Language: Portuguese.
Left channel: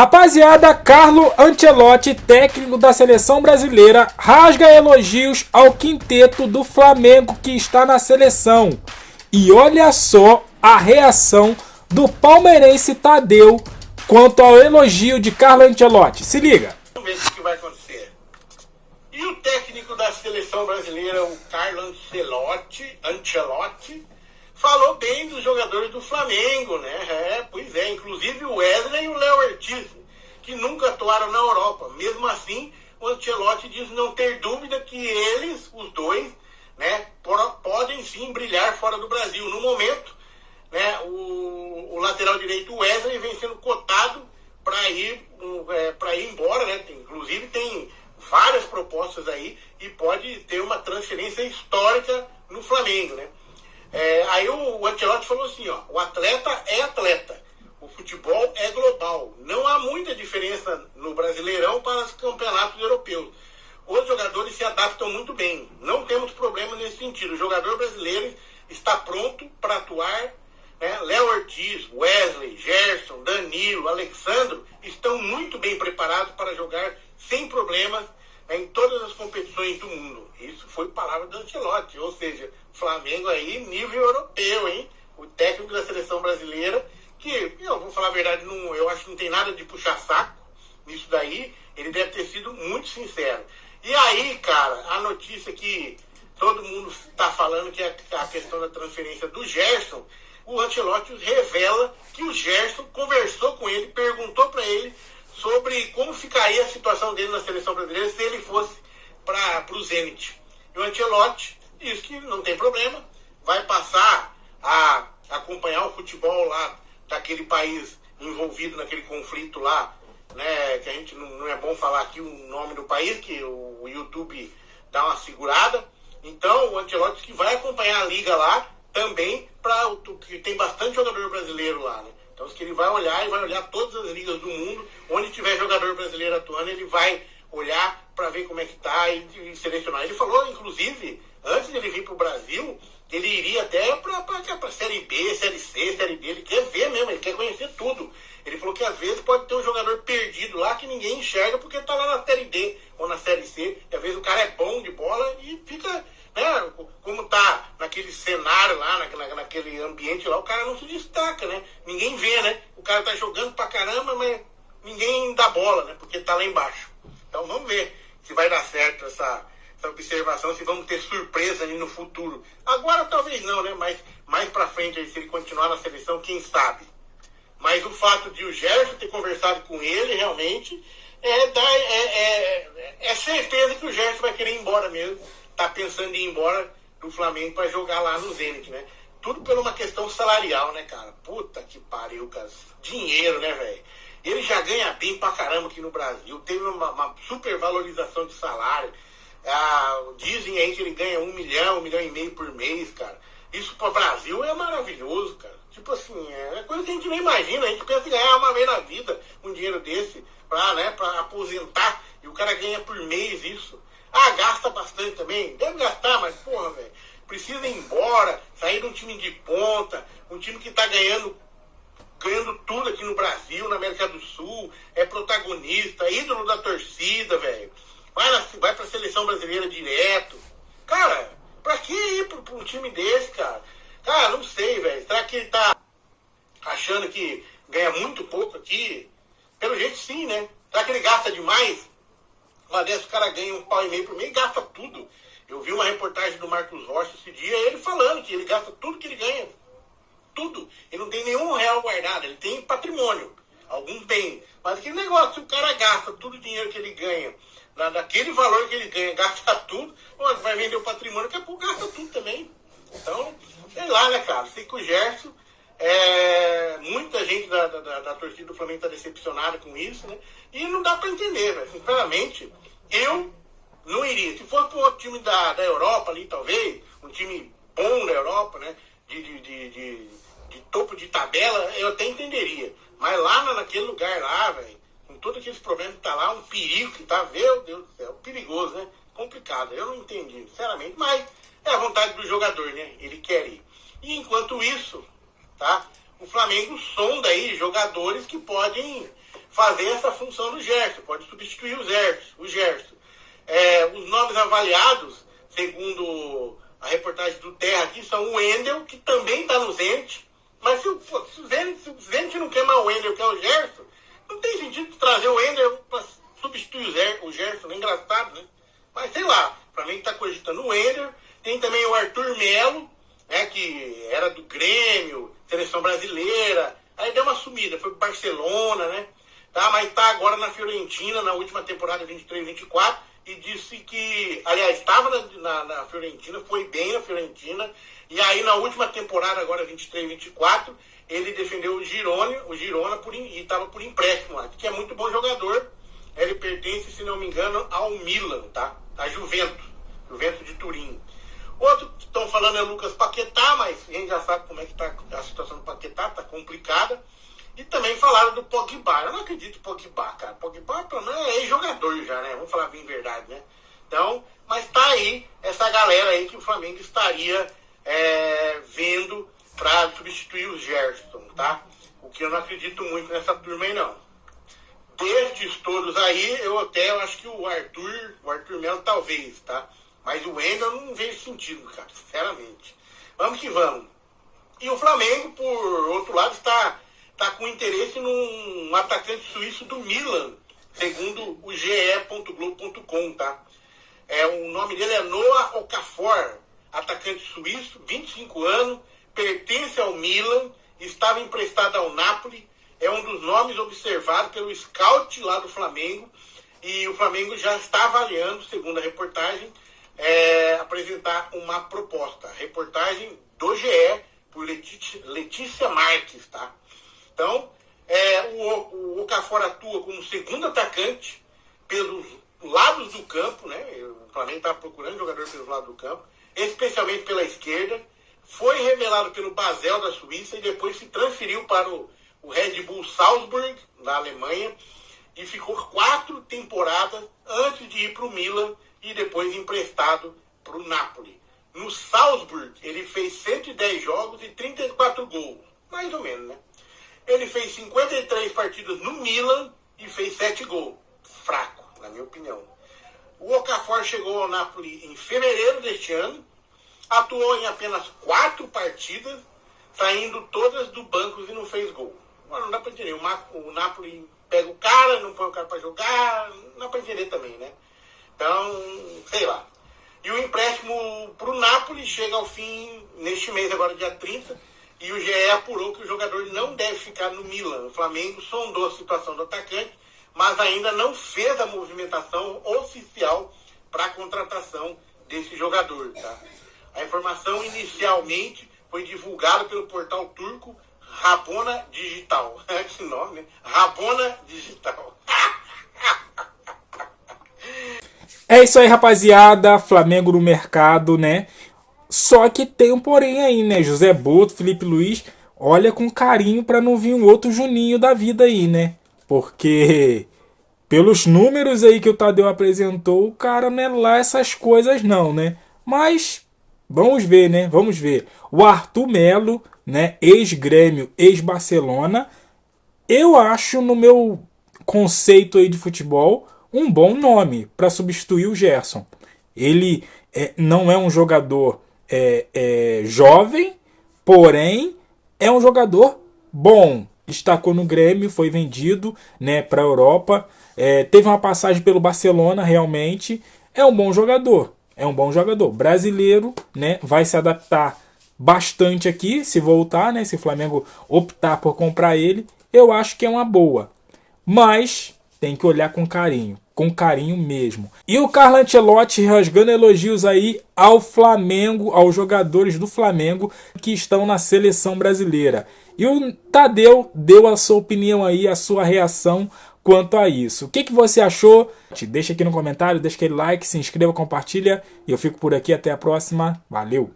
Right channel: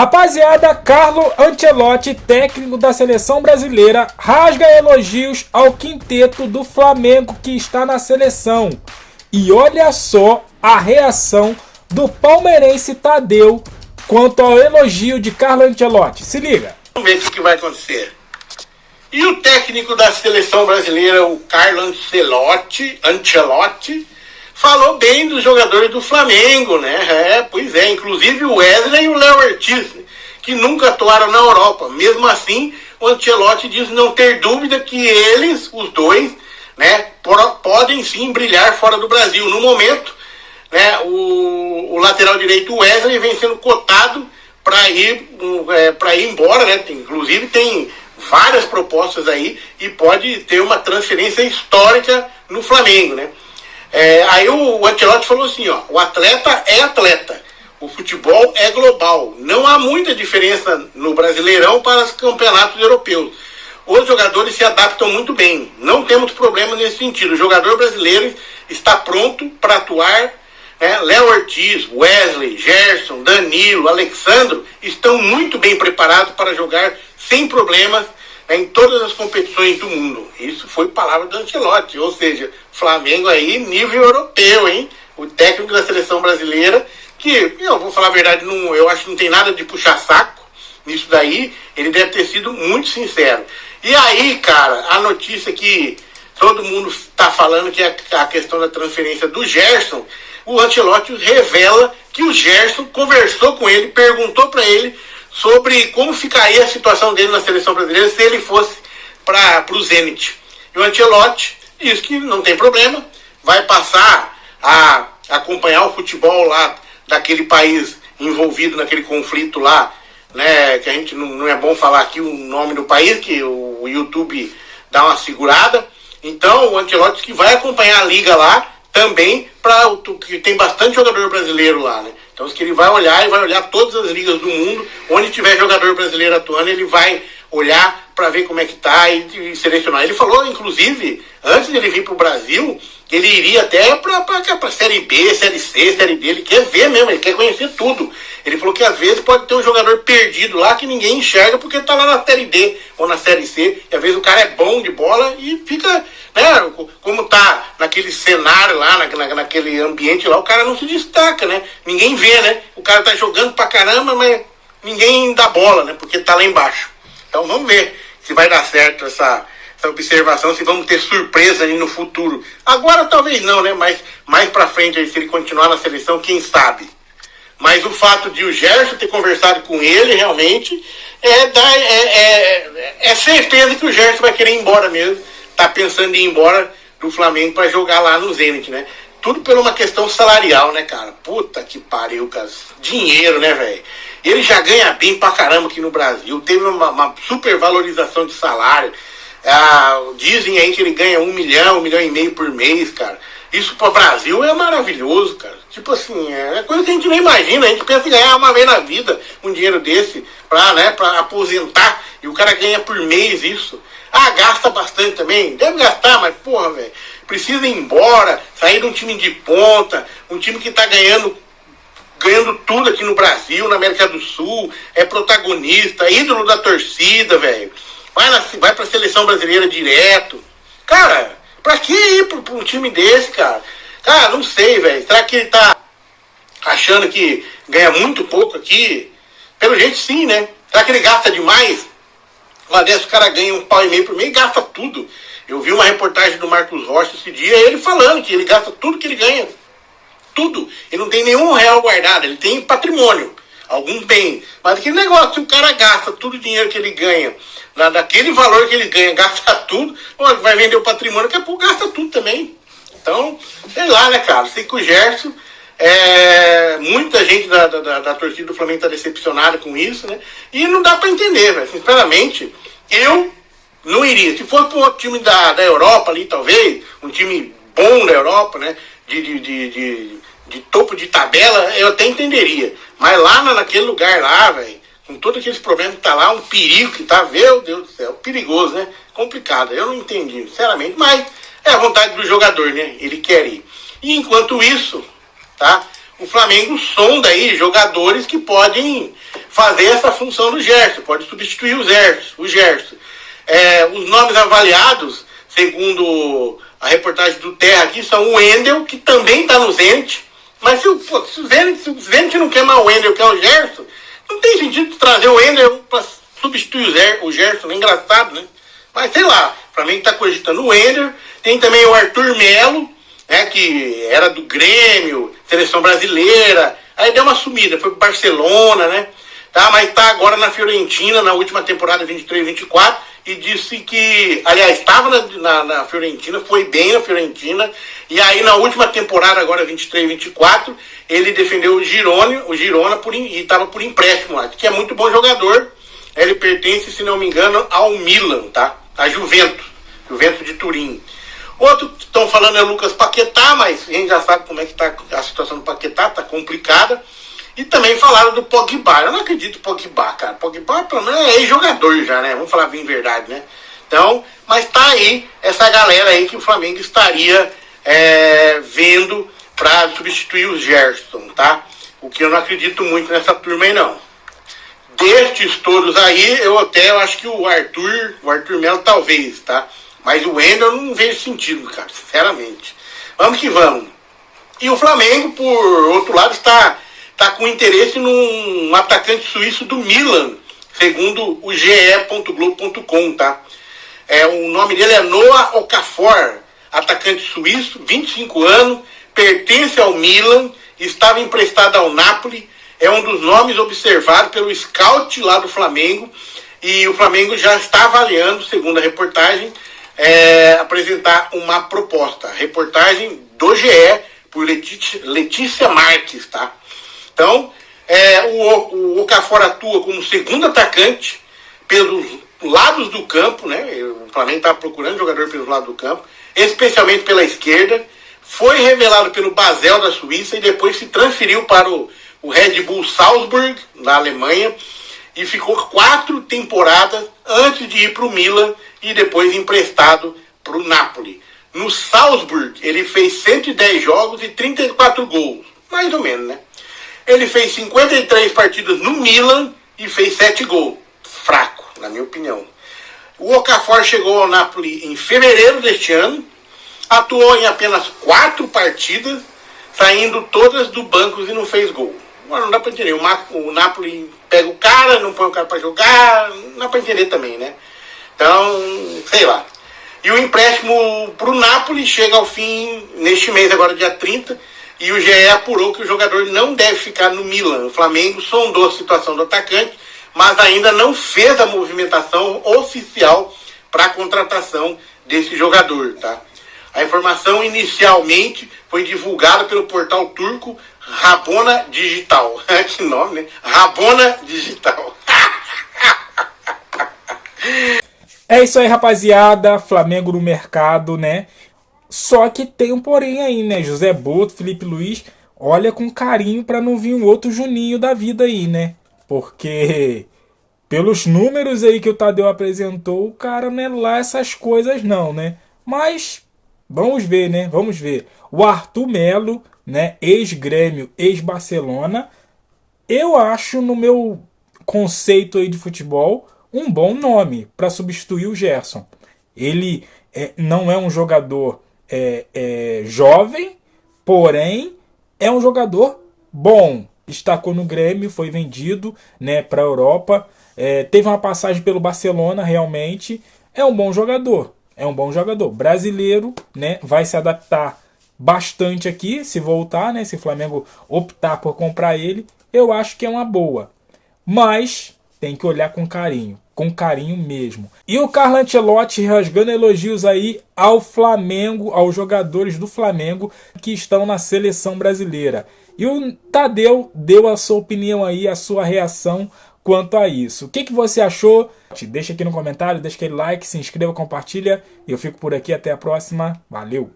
Rapaziada, Carlo Ancelotti, técnico da seleção brasileira, rasga elogios ao quinteto do Flamengo que está na seleção. E olha só a reação do palmeirense Tadeu quanto ao elogio de Carlo Ancelotti. Se liga. Vamos ver o que vai acontecer. E o técnico da seleção brasileira, o Carlo Ancelotti, falou bem dos jogadores do Flamengo, né? Pois é, inclusive o Wesley e o Léo Ortiz, que nunca atuaram na Europa. Mesmo assim, o Ancelotti diz não ter dúvida que eles, os dois, né, podem sim brilhar fora do Brasil. No momento, né, o lateral direito Wesley vem sendo cotado para ir embora, né? Inclusive tem várias propostas aí e pode ter uma transferência histórica no Flamengo, né? Aí o Ancelotti falou assim, ó, o atleta é atleta, o futebol é global, não há muita diferença no Brasileirão para os campeonatos europeus. Os jogadores se adaptam muito bem, não temos problemas nesse sentido. O jogador brasileiro está pronto para atuar, né? Léo Ortiz, Wesley, Gerson, Danilo, Alexandro estão muito bem preparados para jogar sem problemas em todas as competições do mundo. Isso foi palavra do Ancelotti, ou seja, Flamengo aí nível europeu, hein? O técnico da seleção brasileira, que, eu vou falar a verdade, eu acho que não tem nada de puxar saco nisso daí, ele deve ter sido muito sincero. E aí, cara, a notícia que todo mundo está falando, que é a questão da transferência do Gerson, o Ancelotti revela que o Gerson conversou com ele, perguntou para ele sobre como ficaria a situação dele na seleção brasileira se ele fosse para o Zenit. E o Ancelotti diz que não tem problema, vai passar a acompanhar o futebol lá daquele país envolvido naquele conflito lá, né, que a gente não é bom falar aqui o nome do país, que o YouTube dá uma segurada. Então o Ancelotti que vai acompanhar a liga lá também, que tem bastante jogador brasileiro lá, né? Então que ele vai olhar todas as ligas do mundo, onde tiver jogador brasileiro atuando, ele vai olhar para ver como é que tá e selecionar. Ele falou, inclusive, antes de ele vir para o Brasil, que ele iria até para Série B, Série C, Série D, ele quer ver mesmo, ele quer conhecer tudo. Ele falou que às vezes pode ter um jogador perdido lá que ninguém enxerga porque está lá na Série D ou na Série C, e às vezes o cara é bom de bola e fica, né, como tá naquele cenário lá, naquele ambiente lá, o cara não se destaca, né? Ninguém vê, né? O cara tá jogando pra caramba, mas ninguém dá bola, né? Porque tá lá embaixo. Então vamos ver se vai dar certo essa observação, se vamos ter surpresa aí no futuro. Agora talvez não, né? Mas mais pra frente, aí, se ele continuar na seleção, quem sabe? Mas o fato de o Gerson ter conversado com ele, realmente, é certeza que o Gerson vai querer ir embora mesmo. Tá pensando em ir embora do Flamengo para jogar lá no Zenit, né? Tudo por uma questão salarial, né, cara? Puta que pariu, cara. Dinheiro, né, velho? Ele já ganha bem pra caramba aqui no Brasil. Teve uma super valorização de salário. Dizem aí que ele ganha 1 milhão, 1,5 milhão por mês, cara. Isso pro Brasil é maravilhoso, cara. Tipo assim, é coisa que a gente nem imagina. A gente pensa em ganhar uma vez na vida um dinheiro desse pra aposentar. E o cara ganha por mês isso. Gasta bastante também. Deve gastar, mas porra, velho. Precisa ir embora, sair de um time de ponta, um time que tá ganhando tudo aqui no Brasil, na América do Sul, é protagonista, ídolo da torcida, velho. Vai pra seleção brasileira direto. Cara, pra que ir pra um time desse, cara? Cara, não sei, velho. Será que ele tá achando que ganha muito pouco aqui? Pelo jeito sim, né? Será que ele gasta demais? Uma dessas o cara ganha 1,5 milhão por mês e gasta tudo. Eu vi uma reportagem do Marcos Rocha esse dia, ele falando que ele gasta tudo que ele ganha. Tudo. Ele não tem nenhum real guardado, ele tem patrimônio. Alguns bens. Mas aquele negócio, se o cara gasta todo o dinheiro que ele ganha, daquele valor que ele ganha, gasta tudo, vai vender o patrimônio, daqui a pouco gasta tudo também. Então, sei lá, né, cara? Sei que o Gerson, muita gente da torcida do Flamengo tá decepcionada com isso, né? E não dá pra entender, velho. Sinceramente, eu não iria. Se fosse para um outro time da Europa ali, talvez, um time bom da Europa, né? De topo de tabela, eu até entenderia. Mas lá naquele lugar lá, velho, com todos aqueles problemas que tá lá, um perigo que tá, meu Deus do céu, perigoso, né? Complicado. Eu não entendi, sinceramente, mas é a vontade do jogador, né? Ele quer ir. E enquanto isso, tá? o Flamengo sonda aí jogadores que podem fazer essa função do Gerson, pode substituir o Gerson. Os nomes avaliados, segundo a reportagem do Terra aqui, são o Wendel, que também está no Zenit, mas se o Zenit não quer mais o Wendel, que é o Gerson, não tem sentido trazer o Wendel para substituir o Gerson, é engraçado, né? Mas sei lá, o Flamengo está cogitando o Wendel, tem também o Arthur Melo, né, que era do Grêmio, seleção brasileira, aí deu uma sumida, foi pro Barcelona, né? Tá, mas tá agora na Fiorentina, na última temporada 23-24, e disse que, aliás, estava na Fiorentina, foi bem na Fiorentina, e aí na última temporada, agora 23-24, ele defendeu o Girona e estava por empréstimo lá, que é muito bom jogador. Ele pertence, se não me engano, ao Milan, tá? A Juventus de Turim. Outro que estão falando é o Lucas Paquetá, mas a gente já sabe como é que tá a situação do Paquetá, tá complicada. E também falaram do Pogba. Eu não acredito no Pogba, cara. Pogba, pelo menos, é ex-jogador já, né? Vamos falar bem verdade, né? Então, mas tá aí essa galera aí que o Flamengo estaria vendo para substituir o Gerson, tá? O que eu não acredito muito nessa turma aí, não. Destes todos aí, eu acho que o Arthur Melo talvez, tá? Mas o Wendel eu não vejo sentido, cara, sinceramente. Vamos que vamos. E o Flamengo, por outro lado, está com interesse num atacante suíço do Milan, segundo o ge.globo.com, tá? O nome dele é Noah Okafor, atacante suíço, 25 anos, pertence ao Milan, estava emprestado ao Napoli, é um dos nomes observados pelo scout lá do Flamengo, e o Flamengo já está avaliando, segundo a reportagem, apresentar uma proposta. Reportagem do GE, por Letícia Marques, tá? Então, o Okafor atua como segundo atacante pelos lados do campo, né? O Flamengo está procurando jogador pelos lados do campo, especialmente pela esquerda. Foi revelado pelo Basel da Suíça e depois se transferiu para o Red Bull Salzburg, na Alemanha, e ficou 4 temporadas antes de ir para o Milan e depois emprestado para o Napoli. No Salzburg, ele fez 110 jogos e 34 gols, mais ou menos, né? Ele fez 53 partidas no Milan e fez 7 gols. Fraco, na minha opinião. O Okafor chegou ao Napoli em fevereiro deste ano, atuou em apenas 4 partidas, saindo todas do banco e não fez gol. Agora não dá para entender. O Napoli pega o cara, não põe o cara para jogar, não dá para entender também, né? Então, sei lá. E o empréstimo para o Napoli chega ao fim neste mês, agora dia 30, e o GE apurou que o jogador não deve ficar no Milan. O Flamengo sondou a situação do atacante, mas ainda não fez a movimentação oficial para a contratação desse jogador, tá? A informação inicialmente foi divulgada pelo portal turco Rabona Digital. Que nome, né? Rabona Digital. É isso aí, rapaziada. Flamengo no mercado, né? Só que tem um porém aí, né? José Boto, Felipe Luiz, olha com carinho para não vir um outro Juninho da vida aí, né? Porque pelos números aí que o Tadeu apresentou, o cara não é lá essas coisas não, né? Mas vamos ver, né? Vamos ver. O Arthur Melo, né? Ex-Grêmio, ex-Barcelona. Eu acho, no meu conceito aí de futebol, um bom nome para substituir o Gerson. Ele não é um jogador jovem, porém é um jogador bom. Destacou no Grêmio, foi vendido, né, para a Europa. Teve uma passagem pelo Barcelona, realmente. É um bom jogador. É um bom jogador. Brasileiro, né, vai se adaptar bastante aqui, se voltar, né, se o Flamengo optar por comprar ele. Eu acho que é uma boa. Mas tem que olhar com carinho mesmo. E o Carlo Ancelotti rasgando elogios aí ao Flamengo, aos jogadores do Flamengo que estão na seleção brasileira. E o Tadeu deu a sua opinião aí, a sua reação quanto a isso. O que você achou? Deixa aqui no comentário, deixa aquele like, se inscreva, compartilha. E eu fico por aqui, até a próxima. Valeu!